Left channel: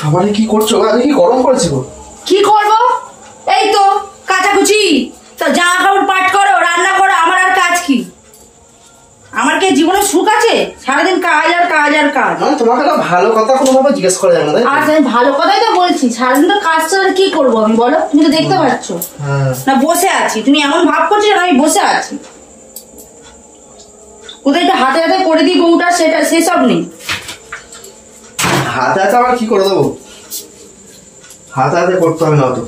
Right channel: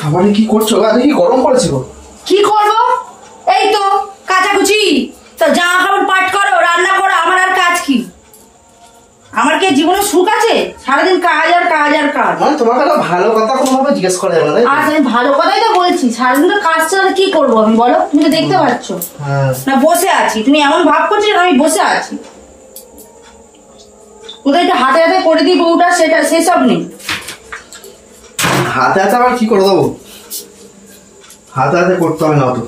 সবাই কি করছো? কি গরম পড়েছে গো? কি করবো, এই তো কাচাকুচি, তো জামা কাপড় পাট করো, রান্না করো, আমার আর কাজ কি? আমার কি জীবনে সুখ আছে? সারাদিন কাজ আর কাজ আর কাজ। মানে তোমাকে না ভালো কথা কোনোভাবে জিজ্ঞেস করা যাবে না। আচ্ছা আমি ভালো কথাই তো বলছি, সারাদিন তো কাজ ছাড়া কি করবো আমি, বলো? তুমি তো দেখতে পাচ্ছ না বসে আছি, তুমি এমন ভাব করছো আমি বসে আছি। কোথায় একটু হাতে হাতে করে দিই বউটা, সেটা সেসব নেই। হাতে হাতে আবার কি করে দেবো? হাতে হাতে করতে হবে না তো,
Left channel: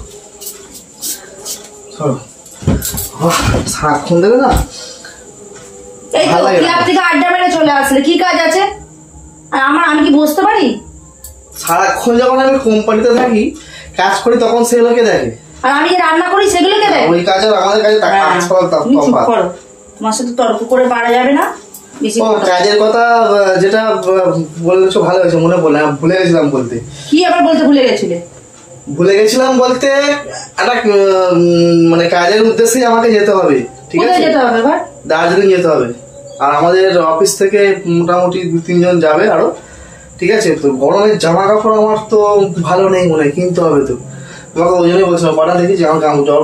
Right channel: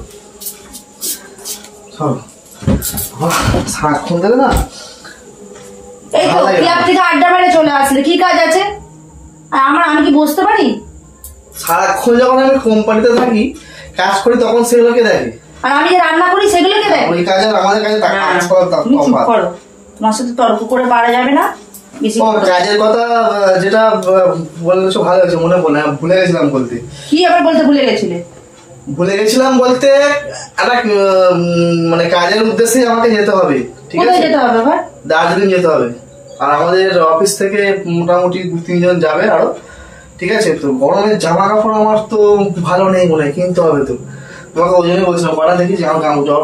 সারাক্ষণ দেবে না। এই তো ক্লাব থেকে আড্ডা মেরে চলে আসলে, কি কাজ আছে? আর আমি কি বসতে পারি? সারাক্ষণ যখন আমি কোম্পানিতে থাকি কাজ করি তখন সেগুলোকে দেখে, আর আমি যে রান্না করি সেগুলোকে দেখে। ওই কাজ আর আমাদের কাজে তুমি চুপ করো, তোমার সাথে তর্ক করে পারা যাবে না। কাজের কথা যেটা বলছো ভালো হয়েছে, মনে পড়লে ভুলে গেছিলাম বলতে। কি আবার বলতে ভুলে গেছিলে? ভুলে গেছিলাম বলতে একটা মানে কাজের উদ্দেশ্যে আমাকে যেতে হবে, ঠিক আছে? যেতে হবে এবার দার্জিলিং যেতে হবে, আর আমাদের অফিস থেকে মোটামুটি 2-3 জন যাবে আরো, ঠিক আছে? তো গরমের জামা কাপড় আমার তো ভালো নেই মনে হয়, কিনতে হবে তো। তোমাকে ওই জন্যই বলছিলাম কটা দেখি যে আমার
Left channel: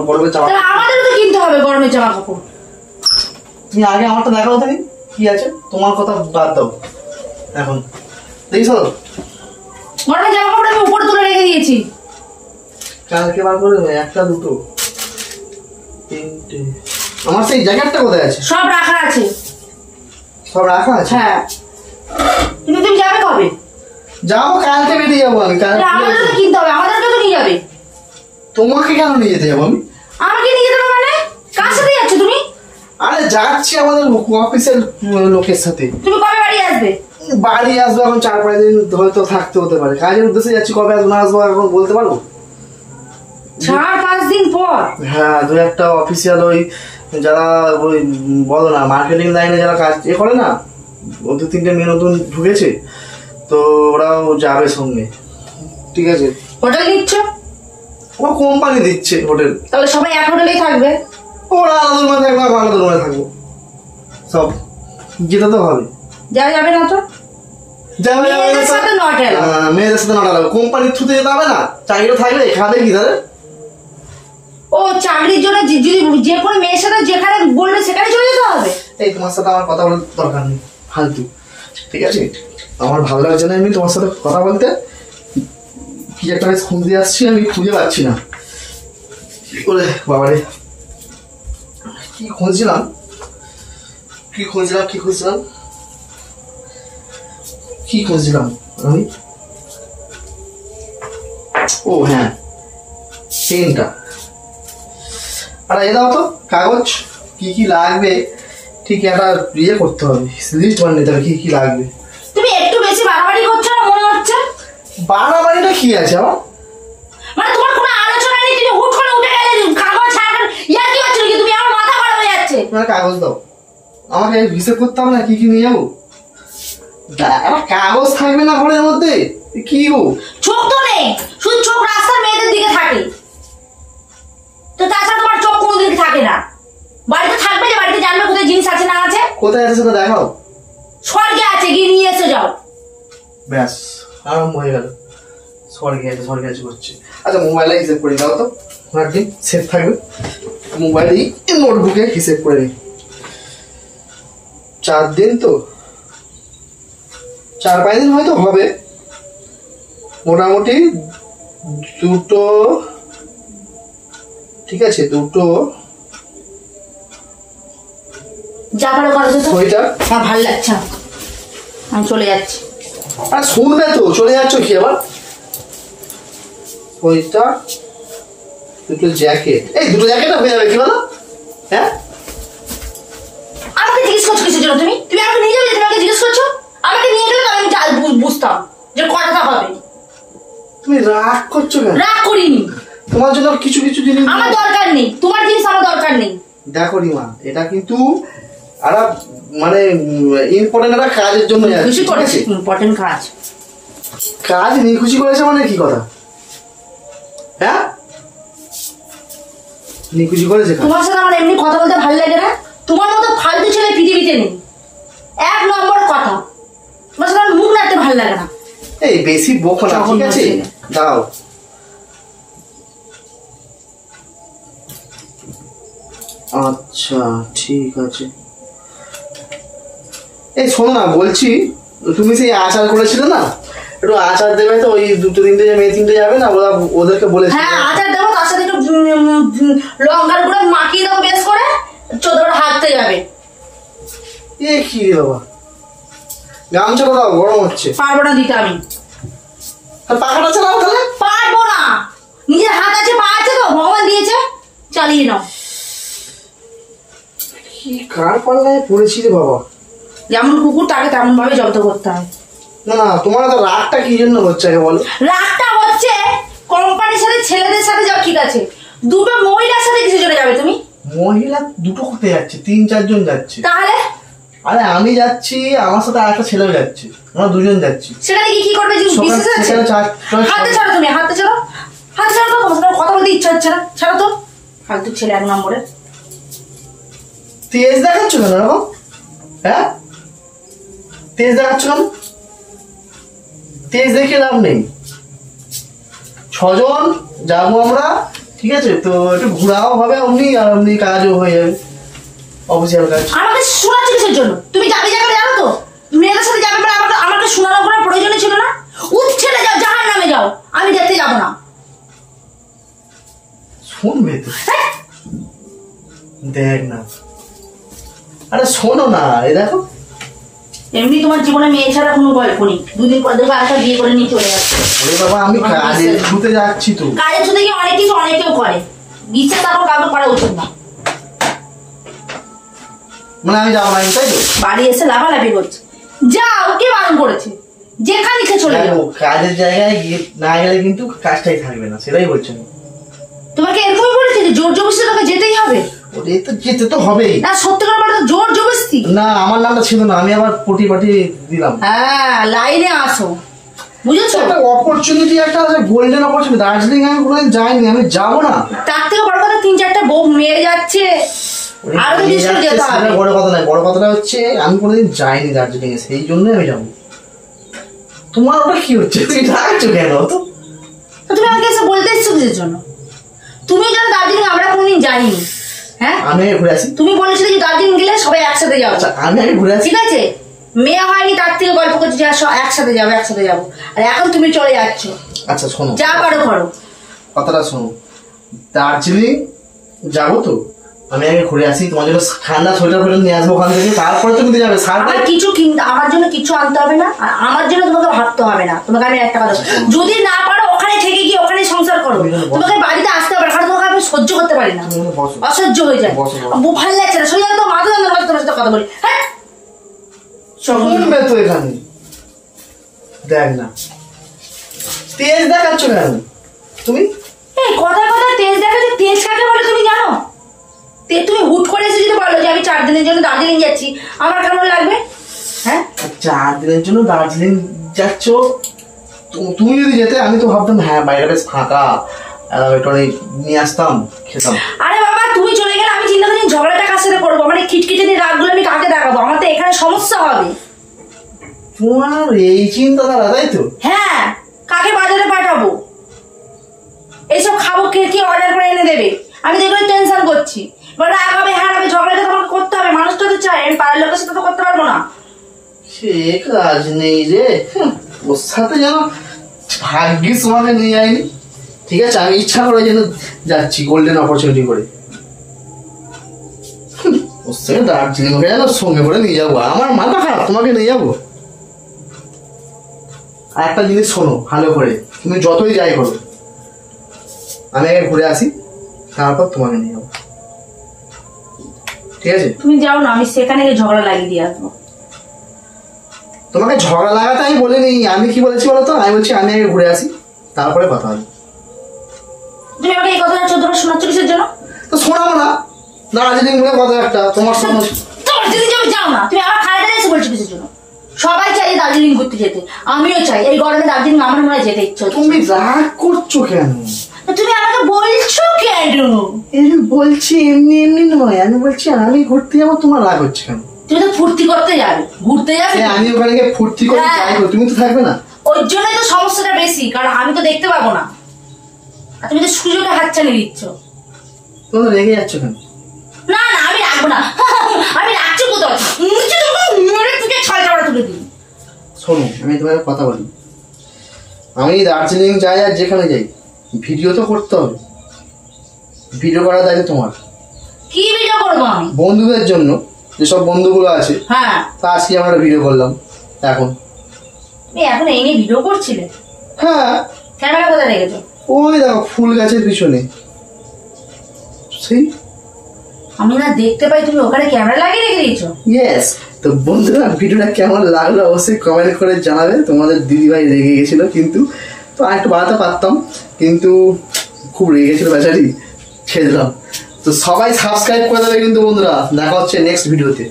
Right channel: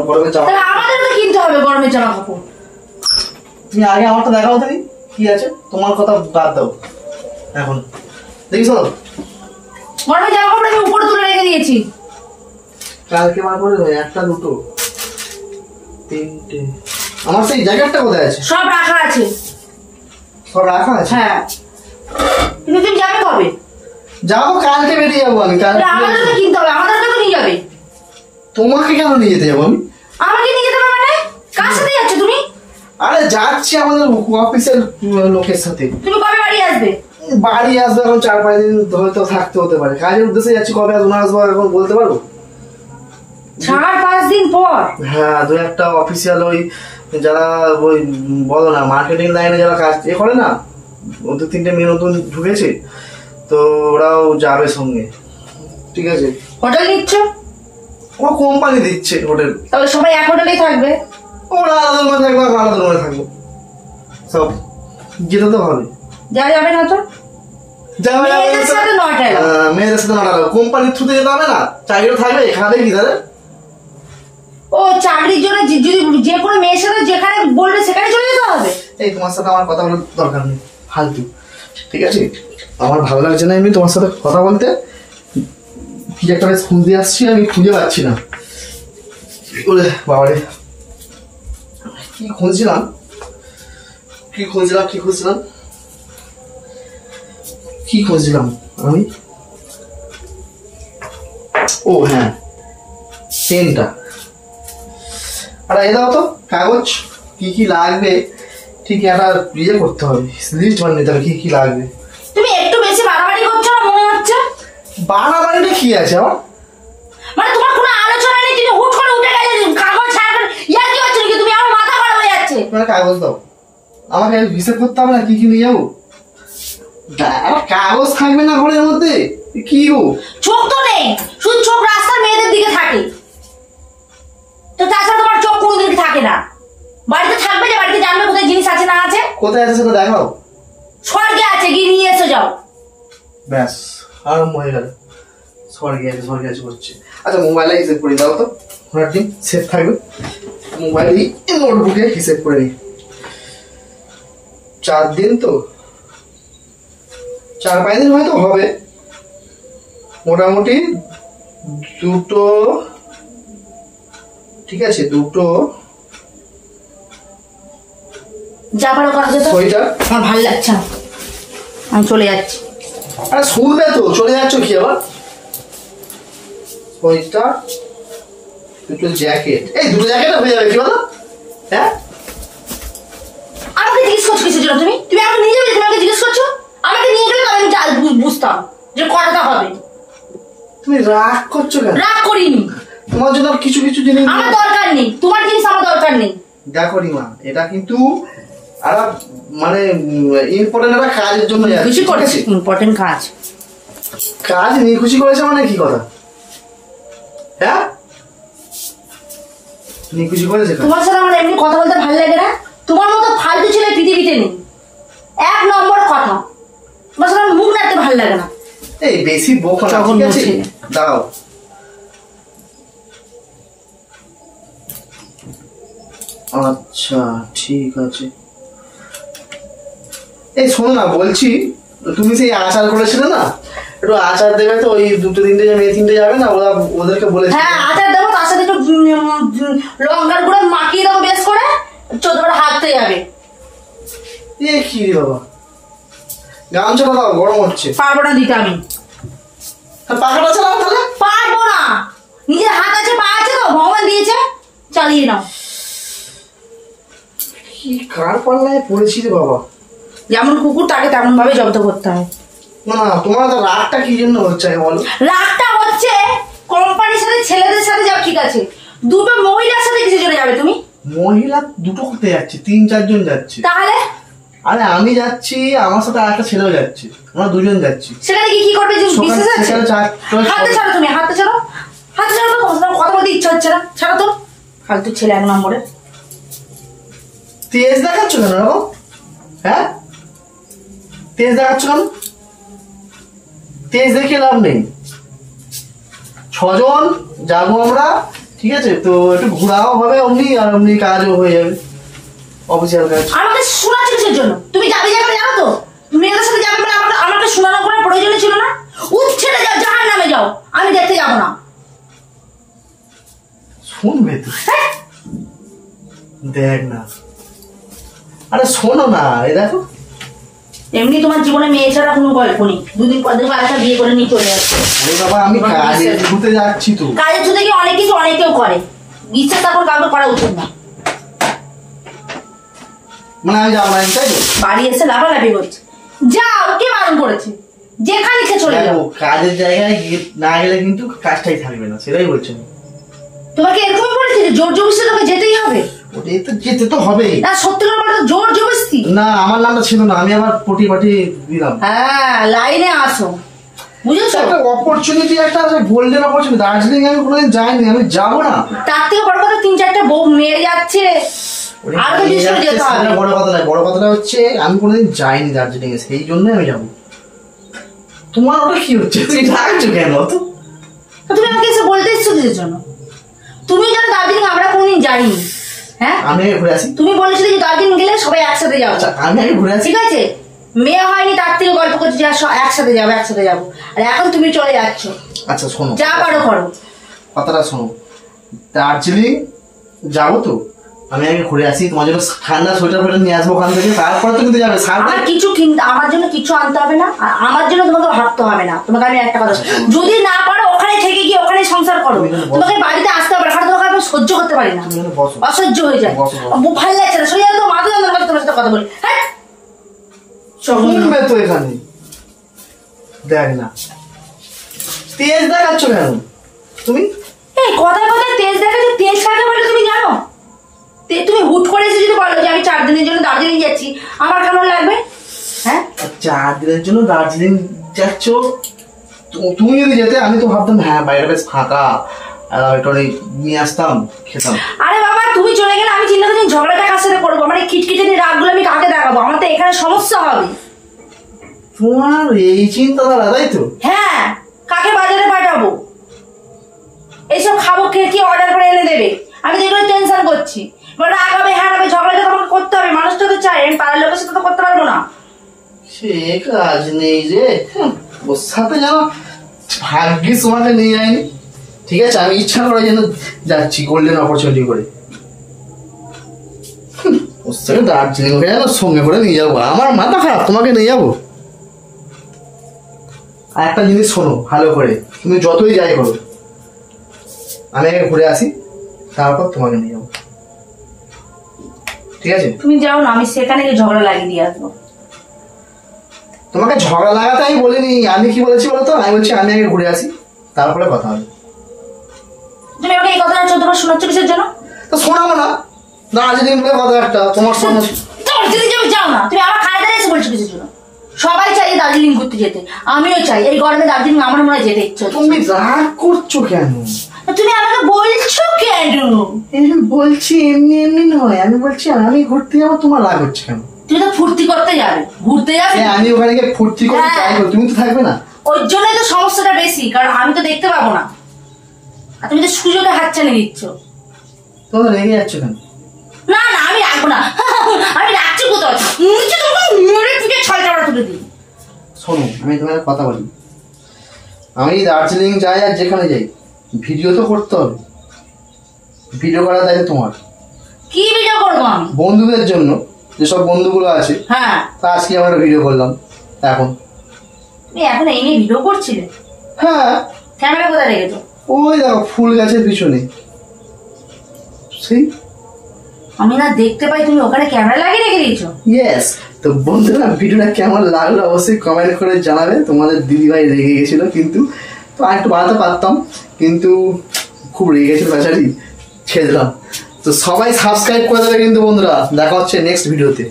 গরমের জামা, আমাদের তো কিনতে হবে গরমের জামা কাপড়। তুমি আগে আমারটা দেখাও দেখি কি আছে, তোমার কথা বাদ দাও এখন। দেখিস গরমের জামা কাপড় আমি উপরে তুলে রেখে দিয়েছি, কালকে বার করে 1টা 2টো 3টে। আমার সেই জ্যাকেটটা কোথায় আছে? সব রাখা আছে। সব রাখা আছে? হ্যাঁ। কিন্তু তুমি যাবে কবে? যাবো কালকে, বেরিয়ে যাবো আমি কালকে। আমাদের তো কিনতে হবে, আমাদের তো নিয়ে যাবে। তোমাকে কেন নিয়ে যেতে যাবো আমি? আমাকে নিয়ে যেতে হবে মানে? কার সাথে যাচ্ছ তুমি? আরে যাচ্ছি আমাদের অফিসের লোকের সাথে। তুমি কবে বাড়ি আসবে? বাড়ি আসবো এখন 4-5 দিন হয়তো থাকতে হতে পারে, কাজের উদ্দেশ্যে যাচ্ছি। কবে আসবো না আসবো এখন বলতে পারবো? 4-5 দিন পর? হ্যাঁ, 2-1টা অফিসিয়াল ওই যারা ওই বলো না মার্কেটিং লাইনে যারা কাজ করে না, 2-3টে মেয়ে নতুন ঢুকেছে, তো ওরাও যাবে সঙ্গে, ঠিক আছে? হোটেল নিচ্ছ? ও কোম্পানি দিচ্ছে হোটেল। তাহলে সবাই এক হোটেলেই থাকবে? ওরা আলাদা রুমে থাকবে, আলাদা রুমে থাকবো, সব যেতে তো হবে। যাওয়া যাবে না তো? মেয়েদের সাথে 9টা কোম্পানির থ্রুতে যেতে হবে না, চাকরিটা থাকবে এখানে কি তাহলে? ও চাকরির জন্য যদি যে কোনো মেয়ের সাথে যেখানে বলবে সেখানে চলে যেতে হবে? এই তোমার সাথে আমার কথা বলার দরকার নেই, ফালতু, ঠিক আছে? আমার ভালো লাগছে না এমনি তোমার সাথে কথা বলতে। কি একটা খুঁজতে আসছি, আমি খুঁজে পাচ্ছি না। বাবারে কি খুঁজছিলাম আমি? ও হ্যাঁ, পেনটা। আর এ দাও তো কাগজ, কি কি লাগবে ঠিক একটা ইয়ে করতে হবে, লিস্ট বানিয়ে নিতে হবে কি কি লাগবে। তুমি একটু বেশি বাড়াবাড়ি করছো না মনে হচ্ছে? বাড়াবাড়িটা কি আছে আমার? মানে তোমার কোনো আলোচনা নেই, তুমি হুট করে উঠে গেলে কাগজ ছাড়বেন, ইয়ার কি হচ্ছে নাকি? তুমি আমার মাথা খারাপ হয়ে যাচ্ছে। তোমার কাগজ দাও, আমাকে হিসেব করতে হবে না কি কি নিয়ে যাবো। কাগজ থাকবে না ঘরের মধ্যে? কি গো, চোখ তো নেই, শুধু চোখ রাস্তার মেয়েদের দিকে থাকে, তো তাছাড়া তোমার চোখ কোনো দিকে থাকে না। বাড়িতে থাকবে যে বাড়িতে জানবে কোথায় জিনিস আছে না আছে। কোথায় আছে সেটা দেখাও। স্বর্গে আছে, গিয়ে নিয়ে এসে যাও। ব্যাস আরম্ভ হয়ে গেল, স্বর্গে আছে করছে। আচ্ছা মোবাইলে হিসেব করে দাও তো, একদিন সেভ থাকবে। মোবাইলে নোটবুকে হিসেব করে নিই। 4 দিন তো, 4-5 দিন হয়তো হবে মোটামুটি। 2টো, ঠিক আছে 2টো যা পারো করো তো। সোয়েটার আমার ভালো লাগছে, আমি চলে যাচ্ছি। আরে শুনবে তো, চলে যাচ্ছ কি আবার? সোয়েটার, 2টো জ্যাকেট। এই 2টো জ্যাকেট হয়ে যাবে কি বলো? হ্যাঁ, আমাকে জিজ্ঞেস করছো কিসের জন্য? তুমি আমাকে নিয়ে যাবে, তুমি আমাকে জিজ্ঞেস করছো? আমাকে নিয়ে গেলে আমি বুঝতাম যে কটা হবে। তুমি রাগ করছো কেন? রাগ করিনি, তোমার জন্য কিছু কিছু জিনিস আমার দরকার নেই, তোমার জিনিস আমার দরকার নেই। দেখো রিমা, এটা কিন্তু আর মানে ইম্পর্টেন্ট একটা কাজের জন্য খুশি করেছে, ইম্পর্টেন্ট কাজ নিয়ে খুশি করেছে মানে কি কথা? হ্যাঁ, নিয়ে খুশি করেছে। তোমার সাথে আমার এমনি কথা বলতে ভালো লাগে না, তোমার মতো ফালতু ছেলে পৃথিবীতে নেই। 1 নম্বর কথা, তোমার সাথে মুখ নাড়তে ভালো ভালো লাগে না। এই বেশি বকো না, ঠিক আছে? দাও। আচ্ছা ঠিক আছে। এই শোনো না, বলছি তুমি সেই আচার করেছিলে না, একটু আচার দেবে তো? ওই দুটো তিনটে মেয়ে তিনটে যাবে না, ওরা ওদেরকে বলেছে। হ্যাঁ আচার দেবো, তার সাথে একটু লঙ্কার গুঁড়ো মাখিয়ে দেবো বেশ করে, চোদ্দটা হাঁটতে যাবে। এ কি রে বাবা, গামছাটা দাও, গরম হচ্ছে। পারবো না দিতে আমি। পাখাটা চালাও তাহলে। পারবো না, নিজের হাত আছে পা আছে তো, ভগবান দিয়েছে, চালিয়ে নাও। কি কার পাল্লায় পড়েছি রে বাবা। যেমন কুকুর তাকে তেমন ভাবে জব্দ করতে হয়। না না, তোমার তো রাগটা কি জন্য হচ্ছে বলো? রাগটা হচ্ছে কোম্পানির সাথে ছেলেদের সাথে যাও, ঠিক আছে, দুটো মহিলার সাথে কিছু চলে যাবে তুমি? মহিলা দুটো করতে যাচ্ছে, 3-4 জন যাচ্ছে। তাহলে আরে আমি যাচ্ছি, আমার সাথে আরেকটা ছেলেও যাচ্ছে, আমরা দুজন যাচ্ছি। সেখানে কি করবে? বিশেষ আছে? হাতে ছাড়ো তুমি, হাতে ছাড়ো, হাতে ছাড়ো তো, কথা বলতে ইচ্ছা হচ্ছে না, ছাড়ো তো। ফালতু ছেলে 1 নম্বরে। তেজ দেখাচ্ছ কেন এরকম? হ্যাঁ তেজ দেখাচ্ছ কেন? তেজ দেখে লাভ নেই। 6 জন যাবো আমরা, ঠিক আছে? তো একটু ঘোরাও হবে অমনি, আর অমনি কাজও হয়ে যাবে, অফিসিয়াল কাজ। আমাকে শোনাচ্ছ কিসের জন্য? তুমি যাবে যাবে জানো তো, মেয়েদের সাথে যাবে মানে আমাকে শোনানো করার প্রয়োজন ছিল না। উচ্ছেদে যাও, জাহার নামে যাও, আমি দেখতে যাবো না। শুনবে তো, দেখ না। আরে শোনো না, এই দেখো, এমনি তোমার জীবনে মেয়ে ছাড়া কোনো গল্প নেই। 2 দিন পর দেখবো আরেকটা বিয়ে করে নিয়ে চলে যাচ্ছে। আরে বাবা আমি কাজে ছুটে যাচ্ছি তো। কাজের ছুটে গিয়ে অনেক কিছু অনেকেও করে, বিশ্বাস তখন কাউকে করা উচিত না। মানে আমি যাবো না, তাই তো? বাড়ি এসে লাফালাফি করছে, যাও, কে বারণ করেছে? যেখানে ইচ্ছে চলে যাও। কাজের জায়গায় না গেলে কিন্তু কাজটাই থাকবে না, সেটাই বলছেন। তোমাকে এরকমই বলেছে যে জোর জবরদস্তি তোকে যেতেই হবে? ওটাই তো, যেতে তো হবেই। না সত্যি করে বলো তো, জোর জবরদস্তি? না আমার নামটা ছিল না, আমি আবার পটি পাটি দিলাম। হ্যাঁ লাইনে আসো, বুঝেছো? একটা অপরচুনিটি, একটা গোল্ডেন অপরচুনিটি। দার্জিলিং আমি কোনোদিন যাইনি, আমি যাবো না। তার থেকে বড় কথা 3-4টা বউ মেয়ে যাচ্ছে, আর তো বিশেষ করে যেতে হবে। বড় কথা নয়, বড় কথাটা হচ্ছে আমি কোনোদিন যাইনি দার্জিলিং এ, সেই জন্যই আমি যাবো। তোমার ওটা কি হচ্ছে, তুমি রাখছো কেন? তো তুমি আমাকে এসে বলতে এসছো কিসের জন্য? তুমি জানো দার্জিলিং আমরা কোনোদিন যাইনি। হ্যাঁ আমি আগে ঘুরে আসি। তুমি বলেছিলে যে দার্জিলিং গেলে সবাই একসাথে যাবো। আমি আগে ঘুরে আসি, ঠিক আছে? মেয়ে হয়নি তার থেকে গল্প করছি যে একসাথে যাবো একসাথে যাবো, আর এখন তুমি চলে যাচ্ছ। আচ্ছা শোনো, যা পারো করো। কথাটা শোনো, দার্জিলিং যাবো তো, আমি আগে ঘুরে আসি, তোমার জন্য ঠান্ডা সোয়েটার ফোয়েটার নিয়ে আসবো ওখান থেকে, তারপরে তো কিন্তু যাবে। আমার কিছু কিনতে, আমার জন্য কিছু আনতে হবে না, আর আমার জন্য তোমাকে ভাবতে হবে না। তোমাকে আমি একটা কথা, যদি না পারো ওখানে থেকে গিয়ে ওখানে সংসার করো, তোমাকে বাড়িতে আসতে হবে না, কারণ তোমাকে আমি সহ্য করতে পারি না, অসহ্য হয়ে যায়, ভালো লাগছে না, সোজা তো মাথা যন্ত্রণা করছে তোমার সাথে কথা বলি। হ্যাঁ শুনবে তো, এখানে দেখ না, তেজ দেখাচ্ছ কেন তুমি? এই কথায় কথায় তেজ দেখাচ্ছে, তেজ কাকে বলে তুমি জানো? তুমি হুট করে এসে যদি বলো যে আমি 4 দিনের জন্য দার্জিলিং যাচ্ছি, আমার কেমন লাগবে? হ্যাঁ 4 দিনের জন্য দার্জিলিং যাচ্ছ, তুমি যদি যেতে আমি তো ভাবতাম হ্যাঁ বাইরে বেশ ফাঁকা, একটু নিয়ে আসতাম, খেতাম। আরে বাবা তুমি চলে গেলে আমি চিন্তা করছি ঝগড়াটা কার সাথে করবো, মানে খিটখিটে রাগগুলো আমি কাকে দেখাবো? আমার তো এখানে সমস্যা হবে। তোমার এই চিন্তাধারা, তাই তো? হ্যাঁ, কাকে বাজারে পাঠাবো, এইসব খাবো কি অর্ডার করে এনে দেবে, আমি তো এগুলো টেনশন করছি। রাগ হবে, হ্যাঁ হবে, ঝগড়াটা তোমাকে করতে হবে, মানুষটা তো চাই, আমি পাড়ার লোকের সাথে তো করতে পারবো না। সে কাজ নেই রে, ওর সাথে যেন ভাগ্যিস তোমাকে নিয়ে যায়নি। ঠিক আছে, আমি ইচ্ছা করে যেন যাচ্ছি গোল্ডেন অপরচুনিটি করে, ওর সাথে দার্জিলিং যেন সঙ্গে করে নিয়ে যাবো। আমার মাথা খারাপ, তোমাকে নিয়ে যাবো। আর একটা জিনিস শোনো ভালো করে, তুমি যতই যাই করো, আমি আগে ঘুরে আসি, তারপর তোমাকে নিয়ে যাবো, ঠিক আছে? তুমি যাও না, আমি সেখানে গিয়ে ঝগড়া লাগিয়ে দিয়ে আসবো। তোমাকে ঝগড়া লাগাতে আমি বলিনি, আমি কি বলেছি বলতো? আমি বলছি আমি আগে ঘুরে আসি, তারপরে কথা হবে। তুমি আমাকে এই কথাটা 14 বার শোনাচ্ছ কিসের জন্য? তো শোনাবো না, দার্জিলিং বলে কথা একটা, তোমার শোনো। দার্জিলিং যাও না, তুমি আমার খাড়া দাঁড়িয়ে এসে বলছো কিসের জন্য? সবাই চাই দার্জিলিং ঘুরতে যেতে, আমিও চাই। এই গরমে দার্জিলিং আমার মনে হয় যেতে ইচ্ছে হচ্ছে। তুমি রাগ করছো কেন? তুমি আমাকে বলছো কেন? বলছি এমনি এমনি নয়, আমি বলছি আমি ঘুরতে যাবো, তোমার রাগ হচ্ছে কেন? তুমি তো ফুর্তি করতে যাবে, ঘুরতে যাবে। আমি ওখানে গিয়ে ফুর্তি করে হ্যাঁ। যাই, তুমি তো থাকবে না। ওই জন্যই তো সমস্যাটা বেশি, কারণ আমি তো দেখতে পাবো না, আর তুমি তো সুযোগে হাতছানি দিচ্ছ। তুমি তো রেগে যাচ্ছ কেন? না না আমি রাখবো না, আমি রাখছি কোথাও, নিচে তো মেরে তুকে ছয়টা তুলে দিই। শোনো, আমি তোমার কথা বলি, আমি দার্জিলিং যাই আর যেখানে যাই ভিডিও তো করতে হবে। ভিডিও করার দায়িত্ব তোমার। কি ভিডিও করবো আমি? বন্ধুদের জন্য, যেসব বন্ধুগুলো আছে, হ্যাঁ তা আজকে আমরা একটা ভিডিও করলাম। এখন তুমি এখন এই নিয়ে ভিডিও করছিলে? হ্যাঁ, ক্যামেরা কোথায় রেখেছো? ওই দেখো ফুল গাছের পিছনে। সেই আমি না দেখতে পাই তুমি ওখানে ক্যামেরা লাগিয়ে রেখে দিয়েছো। ইয়েস। তো বন্ধুরা, ভিডিওটা কেমন লাগলো অবশ্যই কমেন্ট করে জানাবে। তোমাদের দিদিভাই রেগে গেছিল, কিন্তু তো আর একটু বাড়াতে পারতাম, কিন্তু খুব রেগে গেছিল বেচারি, ছেড়ে দিলাম। তো সবাই সাবস্ক্রাইব করে দেবে কিন্তু বন্ধুরা। দেখা হচ্ছে নেক্সট ভিডিওতে।